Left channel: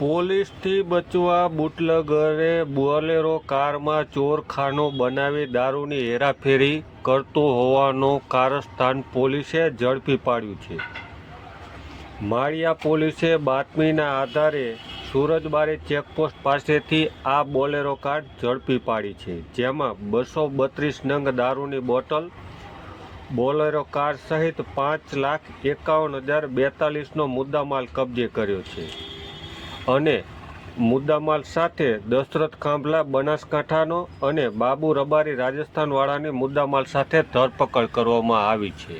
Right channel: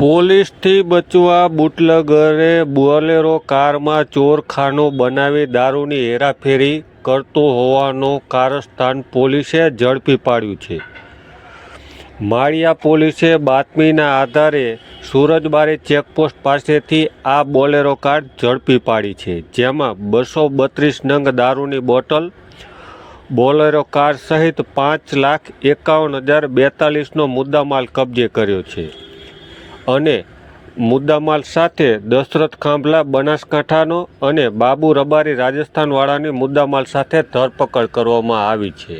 પોલીસથી બચવા બુટલેગરે બોલેરો કારમાં ચોરખાનો બનાવી દારૂની હેરાફેરી કરતો હોવાનું કારસ્તાન પોલીસે ઝડપી પાડ્યું છે। માળિયા પોલીસે બાતમીના આધારે સુરજબારી ચેકપોસ્ટ પાસેથી આ બોલેરો કાર ઝડપી પાડી છે, જેમાં 232 નંગ દારૂની બોટલ, બોલેરો કાર સહિત 5,51,042નો મુદ્દામાલ કબજે કર્યો છે અને મુદ્દામાલ સાથે દશરથ ખાંભલા બનાસકાંઠાનો અને બાબુ રબારી રાજસ્થાનવાળાની મુદ્દામાલ સાથે ધરપકડ કરવામાં આવી છે।